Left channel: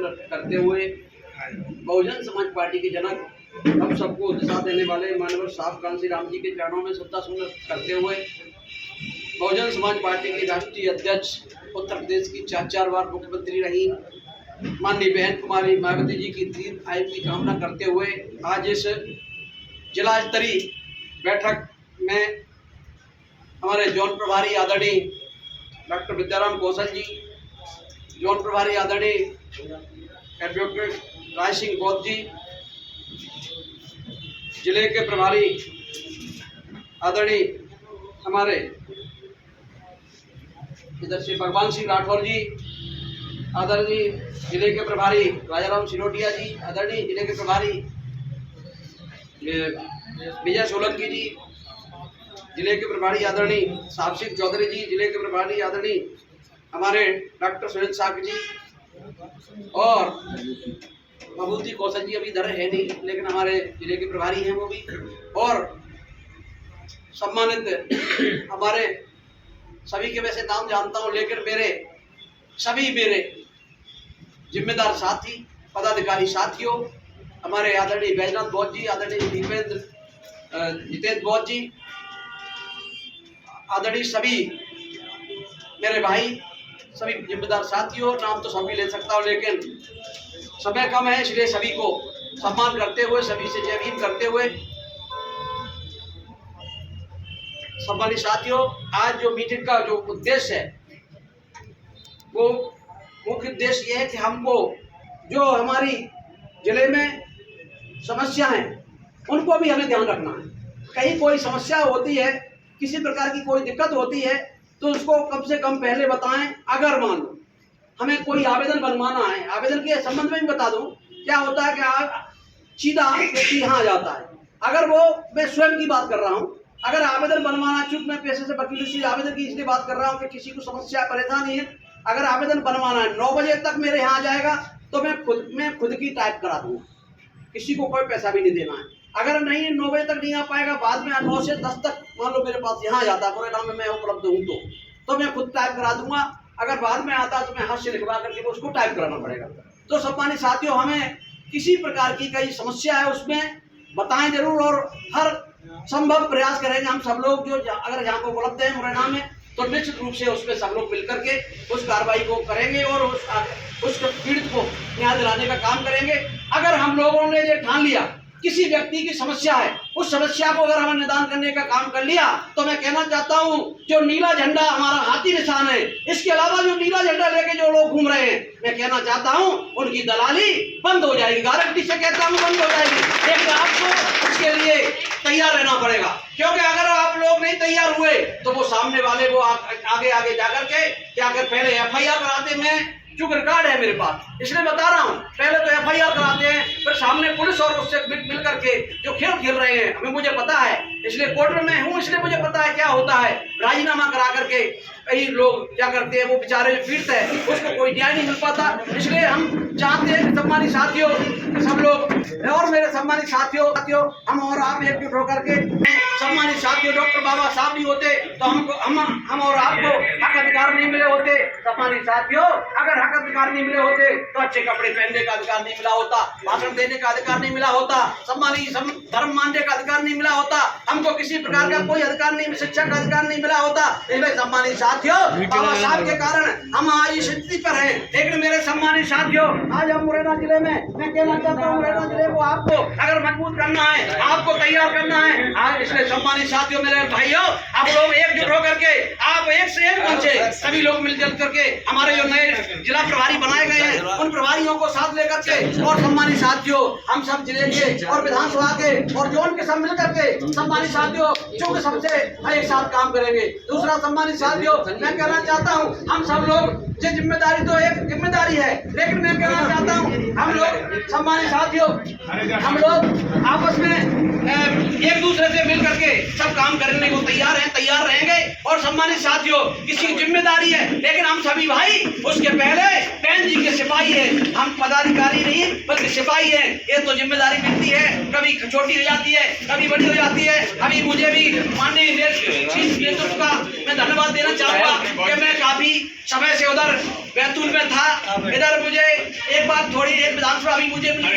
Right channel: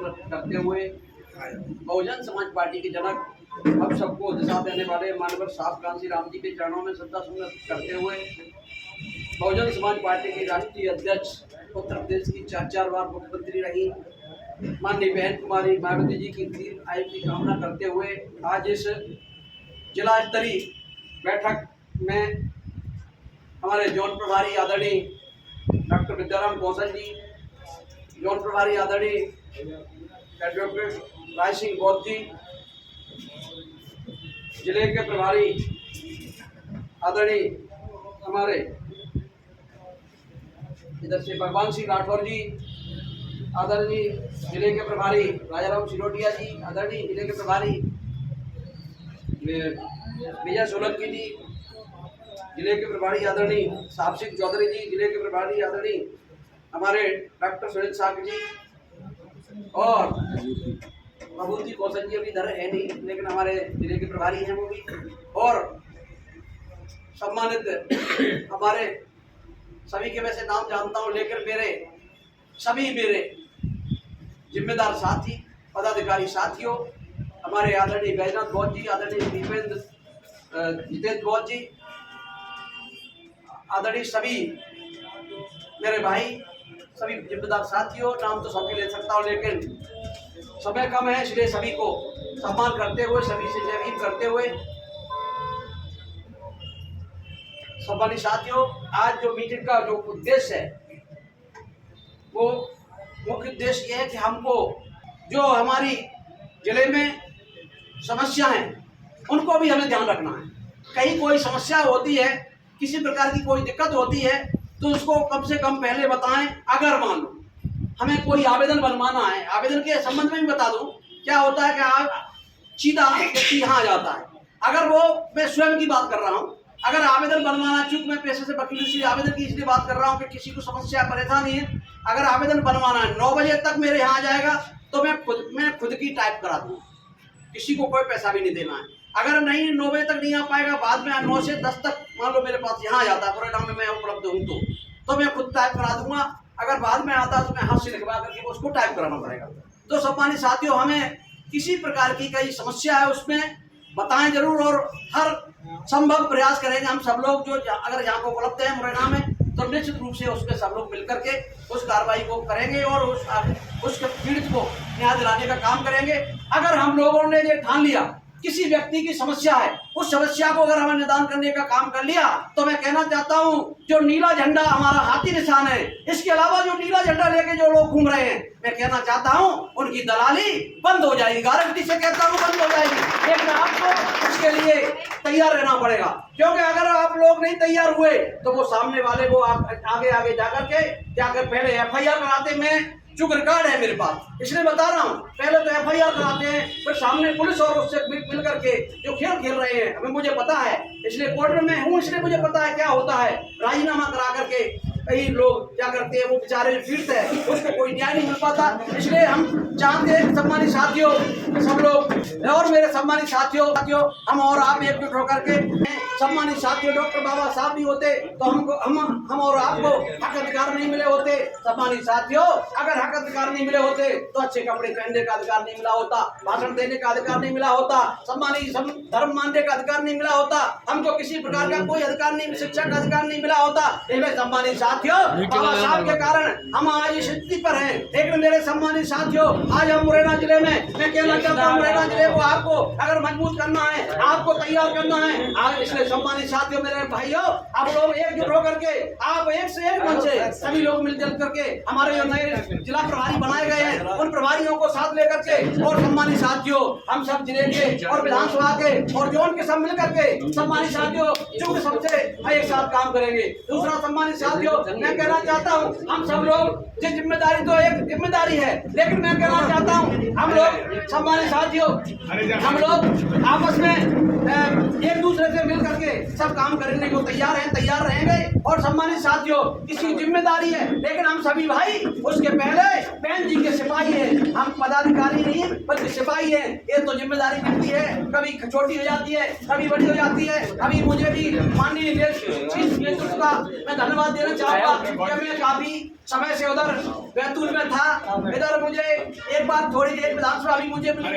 सुंदर करते हुए बहुजन समाज पार्टी के जनक हम सबको दिशा देने वाले मानवर साहब कांसी राम जी के चरणों में श्रद्धा सुंदर करते हुए बहुजन समाज पार्टी की राष्ट्रीय अध्यक्ष उत्तर प्रदेश की 4 बार मुख्यमंत्री रही माननीय बहन कुमारी मायावती जी की दीर्घ आयु की कामना करते हुए आज इस जिला स्तरीय बैठक में हमारे जोन प्रभारी आदरणीय डॉक्टर विद्याराम कौशल जी, जोन प्रभारी आदरणीय एडवोकेट राय सिंह बौद्ध जी, जिले के प्रभारी आदरणीय हमारे इधर से भगवान सिंह राठौर जी, आदरणीय जिले के प्रभारी राजाराम सिरोटिया जी, आदरणीय जिले के प्रभारी विजय सोलंकी जी, जिले के प्रभारी आदरणीय साहब सिंह चौधरी जी, जिले के प्रभारी आदरणीय हमारे डॉक्टर सुनील साहब जी और भभूति कौशल जी अभी इधर है नहीं, लेकिन हमारे जिले के प्रभारी हैं वो भी, और सम्मानित हमारे सभी के वैसे नाम जानता हूं, लेकिन मेरे जिम्मेदार साथी पदाधिकारी साथियों, हमारे आदरणीय बैजनाथ बौद्ध जी, आदरणीय जितेंद्र बौद्ध जी, आदरणीय सभी मेरे भाई, सभी जिम्मेदार साथियों, नाम तो सभी ले सकता हूँ लेकिन समय कम है, इसलिए सभी को सम्मान करते हुए, सभी से जय भीम करते हुए, सम्मानित साथियों, आज जो मीटिंग का जो उद्देश्य है वो मुख्य उद्देश्य ये है कि हमको जो हमारी जिले में समस्या है उनको भी हमें ध्यान रखना है। कहीं कोई समस्या होती है, किसी प्रकार की कोई दिक्कत होती है तो उसको कम से कम पहले बताएं। अगर मान लो हमें कोई आवेदन बनवाना है, आवेदन के संबंध में भी बता दूं, क्या होता है कि सीधा व्यक्ति यहाँ आ जाता है। अगर वो, मैं स्वयं की बात कर रहा हूँ, अगर आवेदन बनवाना, चूंकि मैं पेशे से वकील से आवेदन की इसलिए बात कर रहा हूँ कि किसी को समस्या परेशानी है, अगर आवेदन बनवाना है 9 बजे तक मेरे यहाँ आ जाएगा तो मैं खुद की टाइप करा दूंगा, किसी को कोई पैसा भी नहीं देना है। अगर नहीं 9 बजे तक नहीं आ पाएगा, बाद में 9 से 10 तक मान लो मेरे पास यहाँ आ जाता है, परिणाम में मैं उपलब्ध हूँ तो मैं खुद टाइप करा दूंगा। अगर बाद में आता तो मैं हाथ से लिखवा करके उसको टाइप कराना पड़ेगा। तो सम्मानित साथियों, हमें किसी प्रकार की कई समस्या है उसमें बताएं जरूर, और हर संभव प्रयास करेंगे हम सब लोग जो अगर यहाँ को उपलब्ध है मुरैना में, तो निश्चित रूप से उसमें सब लोग मिलकर के उस कार्रवाई को करेंगे और उस पीड़ित को न्याय दिलाने का काम करेंगे। अगर हम लोगों ने ये ठान लिया किसी व्यक्ति की समस्या है, उस समस्या को अगर हमें निदान करने का काम कर लिया, तो मैं कहना चाहता हूं जो नीला झंडा हमारा हाथी निशान है, इसके अलावा जो नीला झंडा लेके जो लोग घूम रहे हैं, मैं कहना चाहता हूं उनकी दलाली बंद हो जाएगी, गारंटी से कहता हूं बंद हो जाएगी। लेकिन आपको इसके लिए तैयार रहना पड़ेगा, क्योंकि अगर आप लोग नहीं तैयार हुए तो वो सामने वाले वो आगे जाकर के क्या कर, पहले FIR कराते, मैं चूंकि रिकॉर्ड है मेरे पास इसलिए बता रहा हूँ, पहले तो FIR कराते हैं, फिर सामने पुलिस और उससे मिल करके जो खेल रहे हैं, हमें मुझे पता है, इसलिए कोर्ट में हूँ, इसलिए मुझे पता है क्या होता है। राजीनामा करा करके कई लोग क्या करते हैं, वो बेचारे जो पीड़ित है उसको कोई न्याय नहीं मिल पाता। इसलिए हम चाहते हैं सम्मानित साथियों कि सब लोग और मेरे सम्मानित साथियों हम और आप एकजुट होकर के, सम्मानित साथियों, डॉक्टर बाबा साहब नहीं होते तो हम और आपको हक अधिकार नहीं मिले होते। सम्मानित साथियों, अगर हक अधिकार नहीं मिले होते तो अच्छे कपड़े पहनने का अधिकार नहीं मिला होता, भाषण देने का अधिकार नहीं मिला होता, सम्मानित धर्म मानने का अधिकार नहीं मिला होता, हमको किसी प्रकार का कोई अधिकार नहीं, शिक्षा का अधिकार नहीं मिला होता। इसलिए सम्मानित साथियों, बाबा साहब के कारण हम आज इस स्थिति पर हैं। लेकिन मेरे सम्मानित साथियों, आज हम मुरैना जिले में, मैं कहना चाहता हूँ मुरैना जिले को आपको अगर मजबूत करना है, आपको तैयार करना है आज। इसलिए सम्मानित साथियों, मेरे भाइयों, आप लोग एकजुट होकर के, आप एक से एक पहुंचे, सभी लोग मिलजुल करके हमारे जो नए जिला प्रभारी बनाए गए हैं उन प्रभारियों को साथ लेकर के, और सम्मानित साथियों हम सब जिले के और विधानसभा के और जोन के सब मिलकर के, सम्मानित साथियों, चूंकि सबसे एक साथ काम करेंगे। दूसरा सम्मानित साथियों, मैं कहना चाहता हूं हम सब लोग, ये जिम्मेदारी तो एक जिम्मेदारी है, लेकिन मैं कहना चाहता हूं हम लोग सम्मानित साथियों, हम लोग आपस में एक दूसरे से मिल करके सब काम करने को तैयार हैं, तैयार रहेंगे। और सम्मानित साथियों, किसी जिम्मेदारी है, लेकिन हम सभी भाई उसके पहले बहन जी के सिपाही हैं, हम पदाधिकारी नहीं बल्कि सिपाही हैं। ये तो जिम्मेदारी मिलती है, कभी छोटी हो जाती है, कभी बड़ी हो जाती है। अभी मुझे भी माननीय नेतृत्व का मैं धन्यवाद देना चाहूंगा कि मैं काफी समय से उधर बैतूल में था। इधर मुझे एक बार बार थोड़ी एक विधानसभा अभी मुझे मिली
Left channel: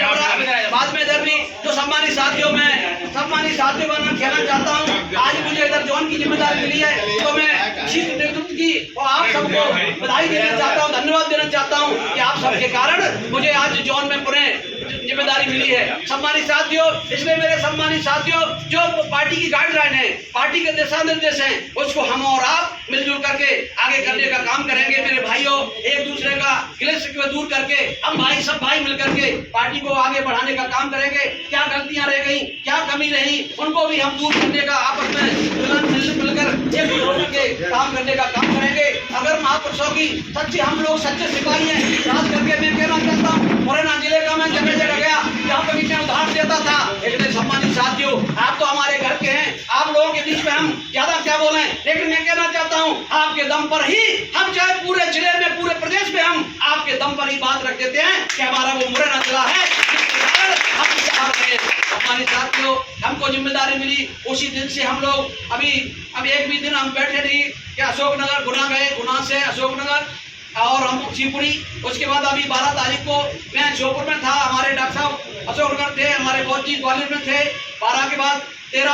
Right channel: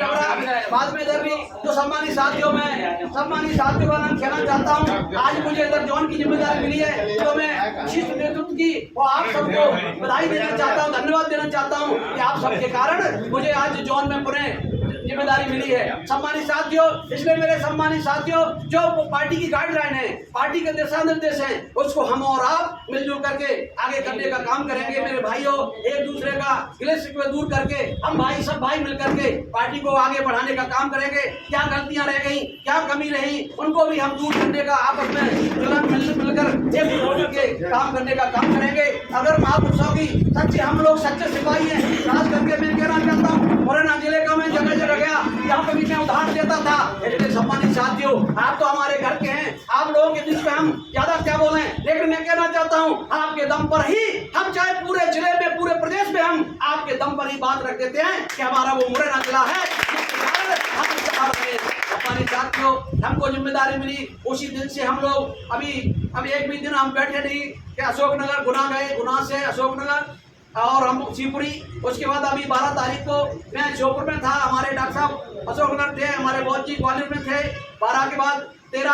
बाद में इधर भी तो सम्मानित साथियों का नाम कहना चाहता हूँ। आज मुझे इधर जोन की जिम्मेदारी मिली है तो मैं शीर्ष नेतृत्व की और आप सबको बधाई देना चाहता हूँ, धन्यवाद देना चाहता हूँ कि आप सबके कारण मुझे आज जोन में पुनः जिम्मेदारी मिली है। सम्मानित साथियों, इसलिए मेरे सम्मानित साथियों, जो पार्टी की गाइडलाइन है, पार्टी के दिशा निर्देश हैं, उसको हम और आप मिलजुल करके आगे करने का काम करेंगे। मेरे भाइयों, एक दूसरे का क्लेश दूर करके हम सब भाई मिल करके पार्टी को आगे बढ़ाने का काम करेंगे। क्या गलतियां रह गई, क्या कमी रही, उनको भी हम दूर करने का आपस में मिलकर एक होकर के काम करने का काम करेंगे। अगर महापुरुषों की सच्चे हम लोग सच्चे सिपाही हैं, खास करके मैं कहना चाहता हूँ, मुरैना जिले का मैं जगह जगह गया, यहाँ पर भी मैं उदाहरण देता था। इसलिए सम्मानित साथियों, आप तो हमारे घर के हैं, आप लोगों के बीच में हम ज्यादा क्या बोले, लेकिन मैं कहना चाहता हूँ आपके दम पर ही हम, चाहे पूरे जिले में पूरे प्रदेश में हम आपके दम पर ही बात रख देते हैं कि हमारा वो मुरैना जिला है। सम्मानित साथियों, हमको जिम्मेदारी मिली उसी दिन से हम लोग अभी एक भी दिन हम बैठे नहीं कि अशोकनगर गुना गए, गुना से अशोकनगर और हम शिवपुरी, उसके बाद अभी 12 तारीख को मैं श्योपुर में था, हमारे डॉक्टर साहब अशोकनगर थे, हमारे बहुत जी ग्वालियर में थे। 12 के बाद 13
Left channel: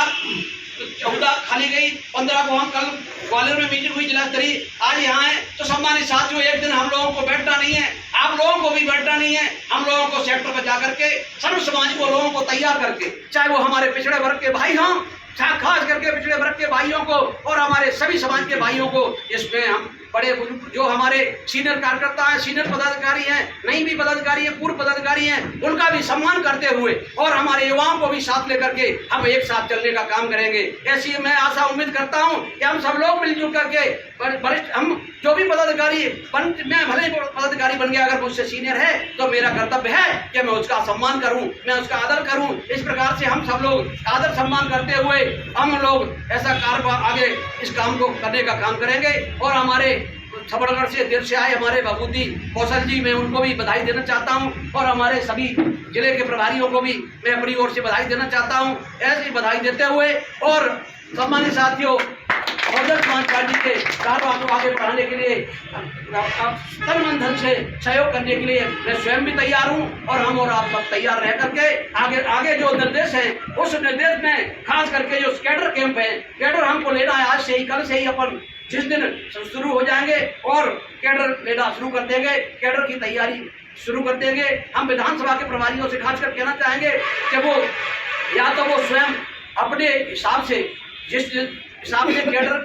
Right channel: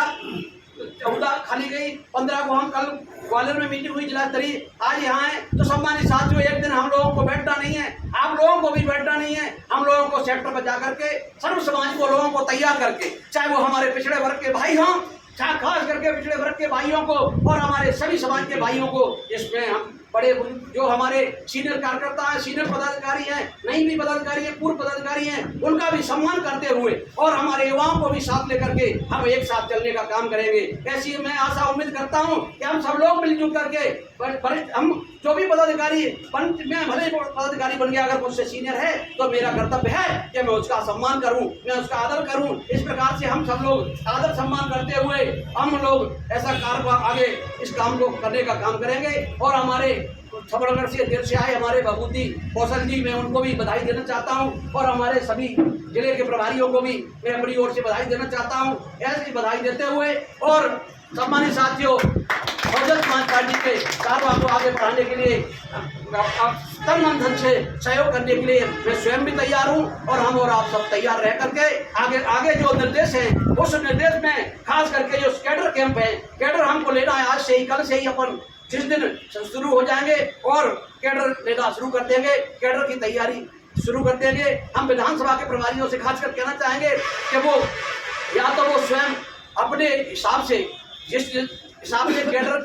14 खाली गई, 15 को हम कल ग्वालियर में मीटिंग हुई जिला स्तरीय, आज यहाँ है। तो सम्मानित साथियों, एक दिन हम लोगों को बैठना नहीं है, आप लोगों को भी बैठना नहीं है। हम लोगों को सेक्टर पर जाकर के सर्व समाज को लोगों को तैयार करके, चाहे वो हमारे पिछड़े वर्ग के भाई हों, खास करके पिछड़े वर्ग के भाइयों को और हमारे सभी समाज के भाइयों को, इसमें हम बड़े जो हमारे सीनियर कार्यकर्ता हैं, सीनियर पदाधिकारी हैं, नहीं भी पदाधिकारी हैं, पूर्व पदाधिकारी हैं, उनका भी सम्मान करते हुए और हमारे युवाओं को भी साथ लेकर के हम एक साथ चलने का काम करेंगे। ऐसी मैं आशा उम्मीद करता हूं कि हम सब लोग मिलजुल करके वरिष्ठ, हम जो भी पदाधिकारी मैं भले ही पदाधिकारी बन गया, अगर मुझसे सीनियर है तो मेरा कर्तव्य है कि मैं उसका सम्मान करूं, मैं उसका आदर करूं। इस प्रकार से हम सब लोग आदर सम्मान करते हुए हम लोग ऐसा कार्य आगे इस काम को करने का काम करेंगे। और हमारे छबड़गढ़ से देर से आए हमारे भभूति कौशल जी, मैं उनको भी बधाई देना चाहता हूं और हमारे सभी जिले के प्रभारियों को भी मैं अपनी ओर से बधाई देना चाहता हूं। ऐसी बधाई देते हुए और सम्मानित साथियों, बहुजन समाज पार्टी के कार्यों को आगे बढ़ाने के लिए तन मन धन से सहयोग करने के लिए मैं स्वयं भी तैयार हूं और हम और आप सब तैयार रह करके आगे जो निर्देश हैं उस निर्देश में खास करके जो कैडर कैंप है, कैडर हमको लेना है। आज से ही, कल से ही अपन जिस दिन शुरू हो जाएंगे और कैडर लेना शुरू कर देंगे, कैडर की तैयारी शुरू कर देंगे। हम विधानसभा के प्रभारियों से खासकर कहना चाहेंगे कि वो या तो वो स्वयं अपने हिसाब से, जिस हिसाब से कैडर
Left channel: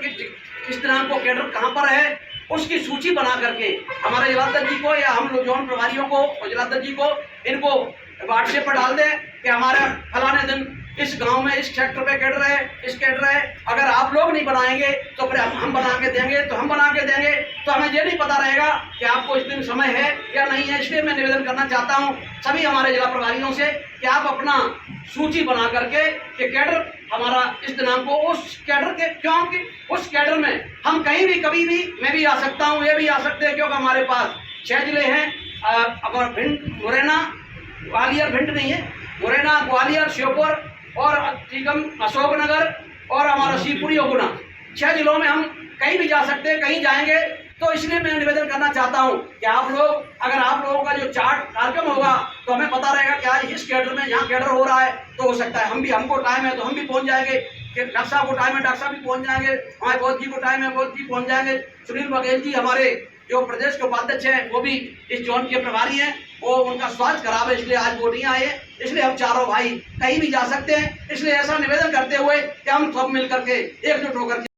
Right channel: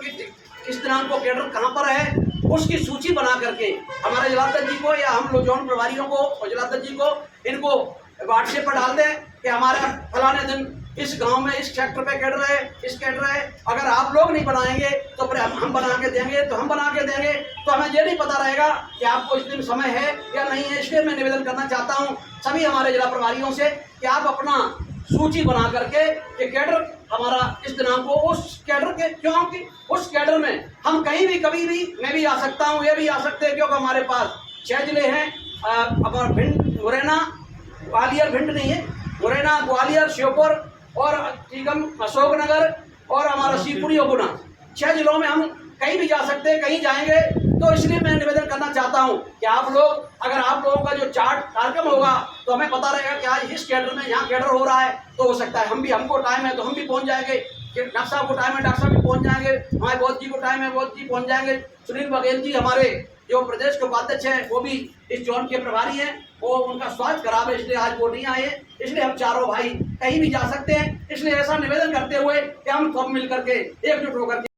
किस दिनांक को कैडर कहाँ पर है उसकी सूची बना करके हमारे जिलाध्यक्ष जी को या हम लोग जौन प्रभारियों को और जिलाध्यक्ष जी को इनको व्हाट्सएप पर डाल दें कि हमारा फलाने दिन इस गांव में इस सेक्टर पे कैडर है, इस कैडर है। अगर आप लोग नहीं बनाएंगे तो फिर हम बना के देंगे, तो हम बना के देंगे तो हमें ये नहीं पता रहेगा कि आपको इस दिन समय है या नहीं है। इसलिए मैं निवेदन करना चाहता हूँ सभी हमारे जिला प्रभारियों से कि आप अपना सूची बना करके कि कैडर हमारा इस दिनांक को उस कैडर के, क्योंकि उस कैडर में हम कहीं भी कभी भी मैं भी आ सकता हूँ, ये भी आ सकते हैं, क्योंकि हमारे पास 6 जिले हैं। अपना भिंड, मुरैना, ग्वालियर, भिंड नहीं है, मुरैना, ग्वालियर, श्योपुर और टीकम, अशोकनगर और हमारा शिवपुरी और गुना, 6 जिलों में हम कहीं भी जा सकते हैं, कहीं जाएंगे। तो इसलिए मैं निवेदन करना चाहता हूं कि आप लोग, अगर आप लोगों का जो चार्ट कार्यक्रम होगा तो हमें पता रहेगा कि आज इस कैडर में यहाँ कैडर हो रहा है, तो हो सकता है हमको टाइम है तो हम भी पहुंच जाएंगे, डॉक्टर साहब को टाइम है डॉक्टर साहब भी पहुंच जाएंगे, हमारे बौद्ध जी को टाइम है बौद्ध जी पहुंच जाएंगे, सुनील बघेल जी हमारे जो प्रदेश के उपाध्यक्ष हैं वो भी इस जोन के प्रभारी हैं, वो उनका स्वास्थ्य खराब है इसलिए आज वो नहीं आए हैं। इसलिए हम चारों भाई कहीं भी जा सकते हैं। इसलिए ऐसा निवेदन करते हुए कि हम सब मिलकर के एकजुट होकर के